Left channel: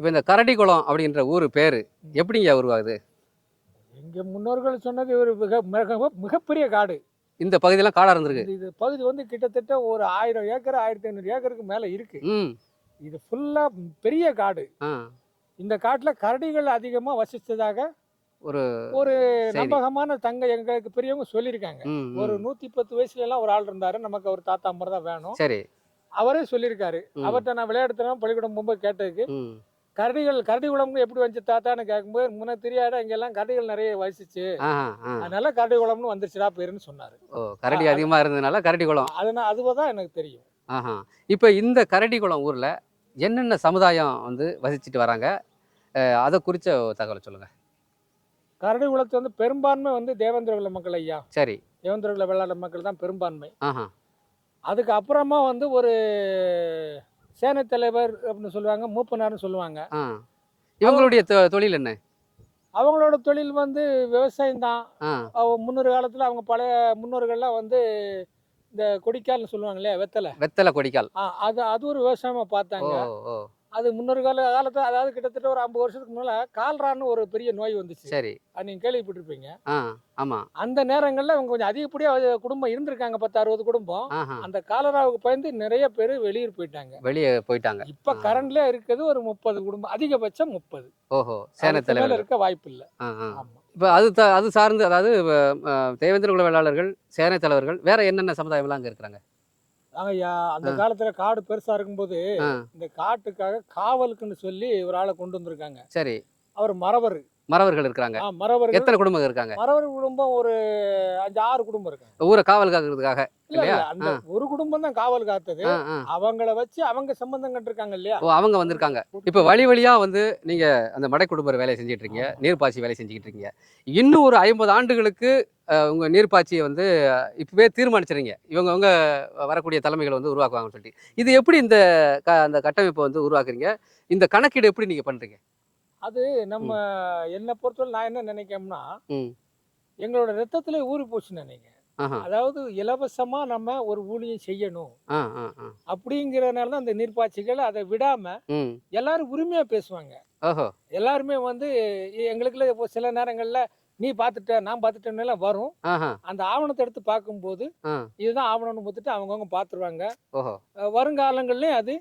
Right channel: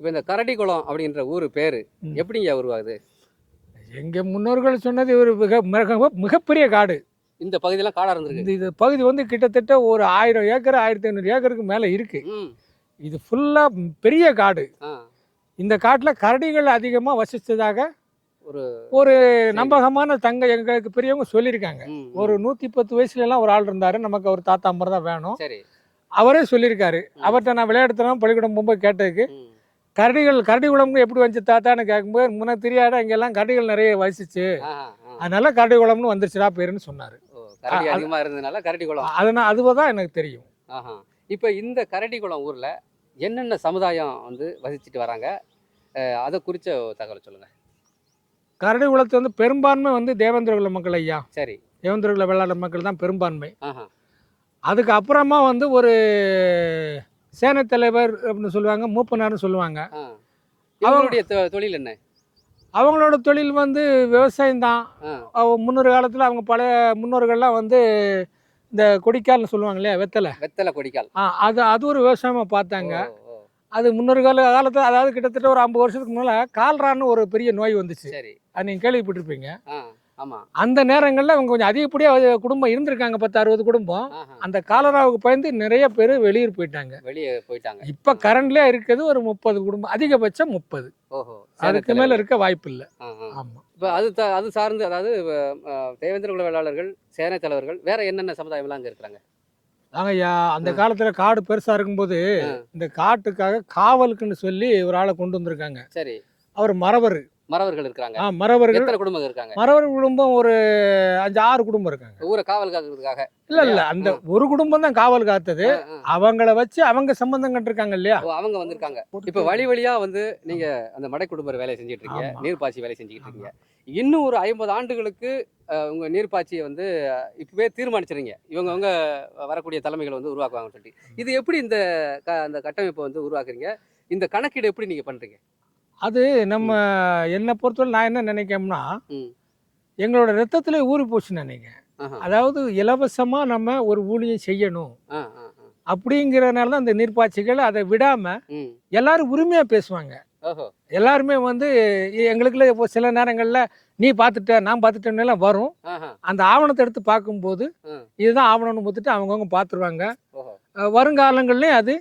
இப்போ இந்த கரடிக்குளம் அப்படின்ற ஊர் பேரு. எப்படிங்க உருவாகுது? எங்க முன்னோர்கள் சொன்னது ஒரு மிக மிக மிகப்பெரிய காடு. இந்த பகுதியெல்லாம் காடா இருந்திருக்கு. இந்த இது பகுதி வந்து கிட்டத்தட்ட ஒரு ஆயிரம் ஏக்கர் ஆயிரத்தி ஐநூறு ஏக்கருக்கு மேலே இருக்கு. ம். இது ஃபுல்லாக பெரிய காடு. இந்த காட்டில் கரடிகள் அதிகமாக வசித்ததாக ஒரு ஒரு நம்பகமான தங்க எங்களுக்கு பெரியவங்க சொல்லியிருக்காங்க. ஒரு நூற்றி பத்து வயசுலலாம் ஒரு ஆள் இருந்தார். நமக்கு அவர் தாத்தா மாதிரி தான் வேணும். சரி. அவரே சொல்லியிருக்காரு. அவர்கிட்ட நான் விளையாடுத்தலாம் பள்ளிக்கூடம் போகும்போது கேட்டதுக்கு கரடிகள் கரடி குளம்னு எப்படி வந்துச்சு தாத்தான்னு கேட்கும்போது முன்ன தெரியாத இங்கெல்லாம் கரடிகள் நிறைய வசிச்சு. அதனால கரடி குளம்னு வந்துருச்சுடா பேருன்னு சொன்னார். ஓ கரடி அதிகமா இருந்ததுனால கரடிக்குளம் அதனால் அதுவாக தான் எனக்கு தெரியும். இப்போ இந்த கரடிக்குளம் ஊர்ல என்னென்ன சமுதாயம் வந்து வசிச்சுட்டு வராங்க? அதை ஒரு தகவலை சொல்லுங்க. கரடி குளத்து வந்து பெரும்பான்மை வந்து தேவேந்திர குல மக்கள் ஐயா. சரி. தேவேந்திர குல வெள்ளாளர் மக்கள் தான் பெரும்பான்மை. அதுக்கு அப்புறமா வந்து ஒரு சேனை தலைவர் அப்படின்னு சொல்லுவாங்க மூப்பனார்னு சொல்லுவாங்க. இவங்களுடைய தொழில் என்ன? அவங்களோட தொழில் வந்து விவசாயம் தான். முன்னொரு காலத்தில் அவங்க பழைய முன்னோர்கள்லாம் வந்து இந்த கொடிக்கால்னு சொல்லுவாங்க இல்லையா வெத்தலை. வெத்தலை கொடிக்கால். அது அது ஒரு விவசாயமாக பார்த்தாங்க. அது முன்னொரு கால காலத்தில் அதாவது கிட்டத்தட்ட ஒரு ஐம்பது வருஷத்துக்கு முன்னால் கால்ரான்னு ஒரு பெரிய நோய் வந்துச்சு. சரி. அது நீங்கள் கேள்விப்பட்டிருப்பீங்க. ஆமா. அந்த நேரங்களில் அவங்க கொஞ்சம் அதிகப்படியாக குடும்பம் இருந்திருக்காங்க பத்து அறுபது குடும்பம். அந்த காலராவுக்கு பயந்து நிறைய பேர் வெளியூர் போயிட்டாங்க. வெளியே போயிட்டாங்க. இப்போ கரண்ட்ல இருக்கிறது ஒரு முப்பது குடும்பம் அதிகபட்சம் முப்பது. ஓஹோ அதுக்கு மேல இருக்க. வாய்ப்பு இல்லை. ஆமா. இப்போ அது அது சார்ந்து அதாவது தேவேந்திர குல வேளாளர்கள் சேனை தலைவர்கள் வேற என்னென்ன சமுதாயம்லாம் அங்க இருக்கிறாங்க? ஆங்கய்யா அந்த. காலத்துல காடு பெருசா இருக்கும்போது இந்த காட்டுக்காக காவலுக்குன்னு சொல்லி ஒரு ஆளை கொண்டு வந்திருக்காங்க. சரி. அவர் மறவர் மறவர்கள் இருக்கிறாங்க. ஆ மறவர்கள் எத்தனை குடும்பம் இருக்காங்க? மறவர் குடும்பம் ஒரு அஞ்சு ஆறு குடும்பம் இருக்காங்க. ஊரை காவல் காக்கிறதுக்காக இல்ல இல்ல அந்த ஒரு குடும்பம் தான் காவல் காத்தது. அவங்கள வச்சு அவங்க சம்பந்தம் கண்டிருக்காங்க இல்லையா? அவங்க வந்திருக்காங்க. இப்ப வழி வழியா வந்து நீங்க அந்த மடை குடும்பர் வேலையை செஞ்சுட்டு இருக்கீங்க. நீர்ப்பாய்ச்சி வேலை செஞ்சுக்கிட்டு இருக்கீங்க. இன்னும் ஒரு ஐம்பது ஆண்டுகளுக்கு உங்க நீர்ப்பாய்ச்சியை வந்து இப்பவே தீர்மானிச்சிருங்க இவங்க அவங்க வரக்கூடிய தலைமைகள் வந்து உருவாக்குவாங்கன்னு சொல்லிட்டு. இது எப்படி இந்த அந்த கட்டமைப்பை வந்து உருவாக்குறீங்க? இந்த கணக்கீடு எப்படி நீங்க பண்றீங்க? அது நம்ம என்னை பொறுத்தவரை நான் என்ன நினைக்கிறோம்னா ம். எங்களோட ரத்தத்திலே ஊறி போச்சுன்னு நினைக்கிறேன். அதாவது இலவசமா நம்ம ஒரு ஊழியம் செய்யணும். அப்படிங்கிறதுனால தான் இந்த நீர்ப்பாய்ச்சிகள் அதை விடாம. எல்லாரும் உரிமையா பேசுவாங்க. எல்லாருமே வந்து எங்களுக்குள்ள இப்போ சில நேரங்கள்ல நீ பார்த்துட்ட நான் பார்த்துட்டேன்னு எல்லாம் வரும். அந்த ஆவணத்தை எடுத்து பார்க்கும்போது. இதுதான் ஆவணம்னு பார்த்துட்டு அவங்கவுங்க பார்த்துருவாங்க. வருங்காலங்கள்லயும் அது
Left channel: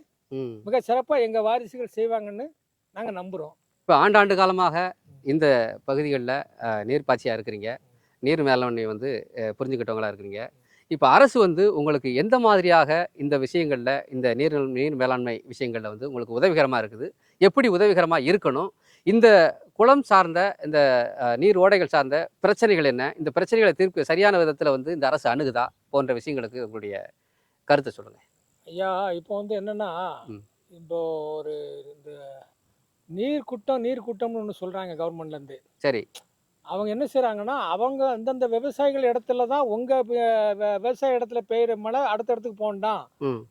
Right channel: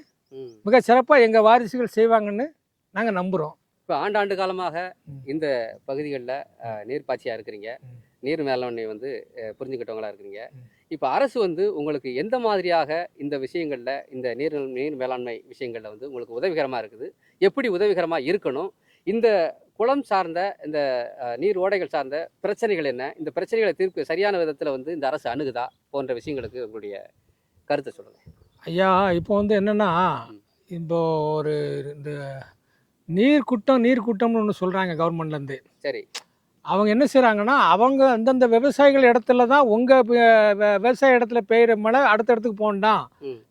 மிக சிறப்பா எங்க வாரிசுகள் செய்வாங்கன்னு நாங்க நம்புறோம். இப்போ ஆண்டாண்டு காலமாக. இந்த பகுதிகளில் நீர்ப்பாய்ச்சியாக இருக்கிறீங்க. நீர் மேலாண்மை வந்து புரிஞ்சுக்கிட்டவங்களா இருக்கிறீங்க. இப்போ அரசு வந்து உங்களுக்கு எந்த மாதிரியாக இந்த விஷயங்களில் இந்த நீர் நீர் மேலாண்மை விஷயங்களில் வந்து உங்களுக்கு உதவிகரமாக இருக்குது எப்படி உதவிகரமாக இருக்கணும் இந்த குளம் சார்ந்த இந்த நீர் ஓடைகள் சார்ந்த பிரச்சனைகள் என்ன இந்த பிரச்சனைகளை தீர்க்க சரியான விதத்தில் வந்து இந்த அரசு அணுகுதா போன்ற விஷயங்களுக்கு உங்களுடைய கருத்தை சொல்லுங்கள் ஐயா இப்போ வந்து என்னன்னா. இப்போ ஒரு இந்த நீர் குட்டம் நீர் குட்டம்னு ஒன்று சொல்றாங்க கவர்மெண்ட்ல இருந்து சரி. அவங்க என்ன செய்றாங்கன்னா அவங்க அந்தந்த விவசாயிகள் இடத்துல தான் உங்க வ- வ- விவசாய இடத்துல பெய்யுற மழை அடுத்த இடத்துக்கு போகண்டாம்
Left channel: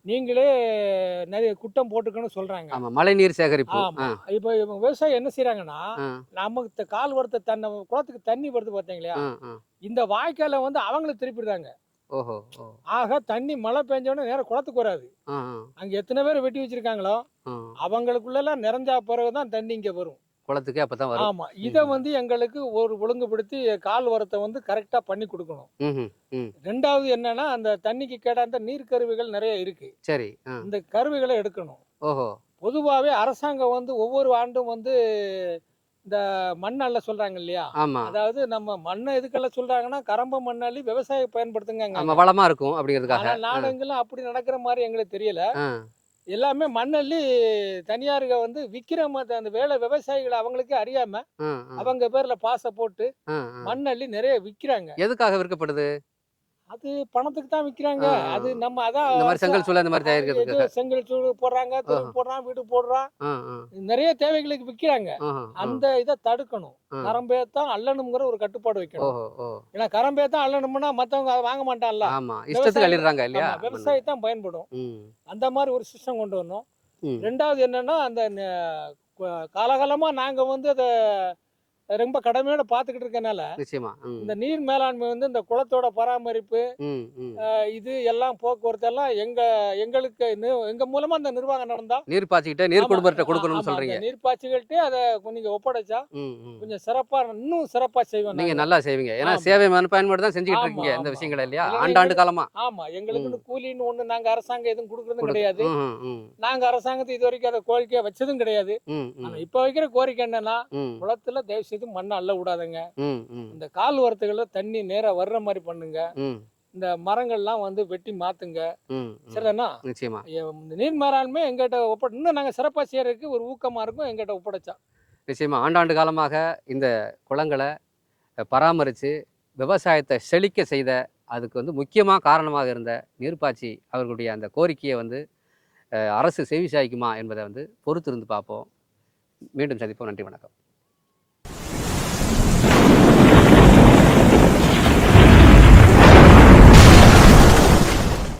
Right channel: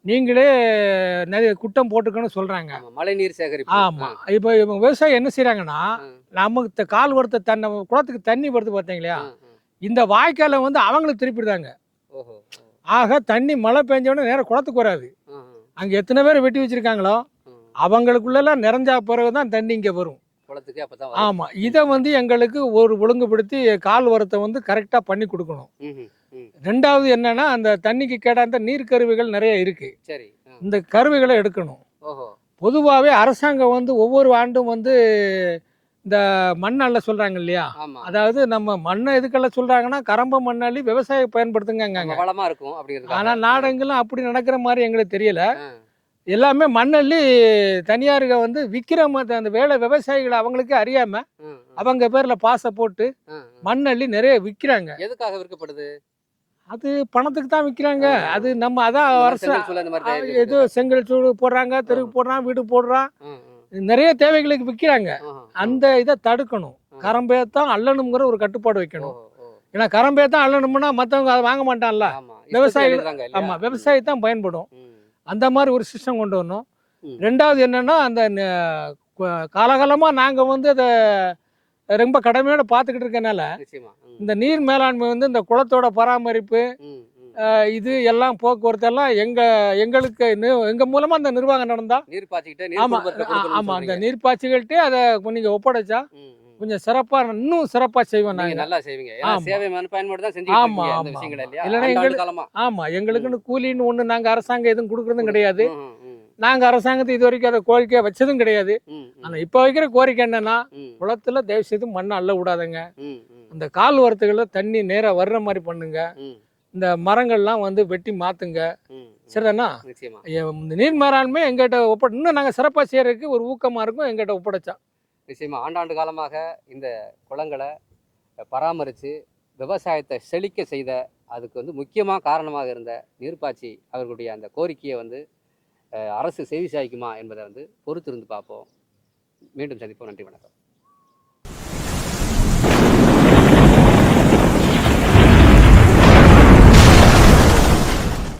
நீங்களே நிறைய குட்டம் போட்டுக்கணும்னு சொல்றாங்க. ஆமாம் மழை நீர் சேகரிப்பு. ஆமா. இப்போ இவங்க விவசாயம் என்ன செய்றாங்கன்னா ஆ, நமக்கு கால் வரத்த தன்னை குளத்துக்கு தண்ணி வருது பார்த்தீங்களா. இந்த வாய்க்காலை வந்து அவங்களுக்கு திருப்பிடுதாங்க ஆக தண்ணி மழை பெஞ்ச உடனே நேரம் குளத்துக்கு வராது. அங்க எத்தனை பேர் வெட்டி வச்சிருக்காங்களோ ஆ. அவங்களுக்குள்ளெல்லாம் நிறைஞ்சா பிறகு தான் தண்ணி இங்க வரும். குளத்துக்கு அப்போ தான் வரும். ஆமா இதை வந்து எங்களுக்கு ஒரு ஒழுங்குபடுத்தி கால் வரத்தை வந்து கரெக்டா பண்ணி கொடுக்கணும். ரெண்டாவது என்னன்னா அந்த தண்ணிக்கு கேடாந்த நீர் கருவிகள் நிறைய இருக்கு. சரி இந்த கருவிகளை எடுக்கணும். ஓஹோ. பொதுவாகவே அரசாங்கம் வந்து ஒவ்வொரு ஆண்டும் வந்து இந்த மண் அள்ள சொல்றாங்க இல்லையா? அதாவது நம்ம மண்ணை எதுக்கெல்லாம் சொல்றாங்கன்னா கரம்ப மண்ணள்ளி விவசாயம் பயன்படுத்துங்க வளமா இருக்கும் அப்படிங்கிறதுக்காக. ஆனா நாடெங்கெல்லாம் அப்படி நடக்கிற மாதிரி எங்களுக்கு தெரியல. எல்லாமே மண்ணள்ளி தனியாருக வந்து விக்கிற மாதிரி அந்த வேலை விவசாயிகள் அவங்களுக்கே அறியாம அவங்க பேர்ல பாசை போட்டு. மண்ணள்ளி நிறைய விக்கிறாங்க. எதுக்காக விற்கப்படுது? அது பணத்துக்கு தான் விக்கிறாங்க. ஆ. அது நம்ம அதான் செங்கல் சூளை இந்த மாதிரி அது தயாரிக்கிறதுக்கு ஏதோ செங்கல் சூடு போடுறாங்க தெருவு போடுறான் வீடு போடுறான். நிறைய தேவைகளுக்கு ஆ. அந்த இதை தடுக்கணும். ஆ. கரம்பேத்தான் அள்ளணுங்கிற ஒரு கட்டுப்பாடு வைக்கணும். ஏன்னா கரம்பேத்தான் அள்ளணும்னா மத்தவங்க அதை வாங்க மாட்டான்ல. ஆமா விவசாயிகள்- இல்லையா? ஆமா விவசாயி தான் பயன்படும். ம், அந்த மாதிரி ஒரு சிஸ்டம் கொண்டு வரணும். ம். ரெண்டாவது என்னன்னா அந்த ந- கு- காலகாலமா நாங்க வந்து அதை ரொம்ப கடமையோட பார்த்துக்கிட்டு இருக்கனால இந்த நீர் மேலாண்மை வந்து இந்த குளத்தோட பராமரிப்பு இது எல்லாம் போக்குவரத்து எல்லாம் எங்க எங்களுக்கு எங்க மூலமா அந்த நிர்வாகம் நடந்தா நீர் பாய்ச்சிக்கிட்ட நீர் ஆமா, அந்த நீர்ப்பாய்ச்சிகள்கிட்ட அதை நீங்க ஒப்படைச்சா. கொஞ்சம் சிறப்பா இன்னும் சிறப்பா செய்வோம் நீங்க நல்லா செய்வீங்க. ஏன்னா. சேவை மனப்பான்மையோட தான் செஞ்சுக்கிட்டு ஆமா, இந்த விஷயங்கள் இல்லையா? ஆமா எங்களுக்குன்னு கூலின்னு ஒண்ணு நாங்க அரசாங்கம் எதுவும் கொடுக்கறதும் கிடையாது. நாங்க அரசாங்கத்தை இது வரைக்கும் அதை கோரிக்கை வச்சதும் கிடையாது. ஆனா இப்ப வைக்கிற கோரிக்கை என்னன்னா குளத்துல தயவு செய்து மண்ணை அள்ள விடாதுங்க. இந்த கால் வரத்துகளில் தண்ணி நேரா வர்ற மாதிரி பண்ணுங்க. இந்த மரங்கள்லாம் வந்து வெட்டி மாத்துங்க. சரிதானா? நிச்சயமா. இந்த நீர் மேலாண்மை எங்கிட்ட ஒப்ப இன்னும் நாங்க சிறப்பா செய்யறதுக்கு ஒரு ஊக்கமா இருக்கும் எங்கிட்ட ஒப்படைச்சா. நிச்சயமா. ஆண்டாண்டு காலமாக இந்த குளங்களை பராமரித்து விவசாயத்தை செழிக்க செய்த அதுக்கு வந்து முக்கியமாக காரணமாக இருந்த நீர்ப்பாய்ச்சி அவர்களுடைய அந்த கோரிக்கையை வந்து அரசு செவி சாய்க்குமா என்பதை வந்து பொறுத்திருந்து பார்ப்போம். மீண்டும் சந்திப்போம். நன்றி வணக்கம்.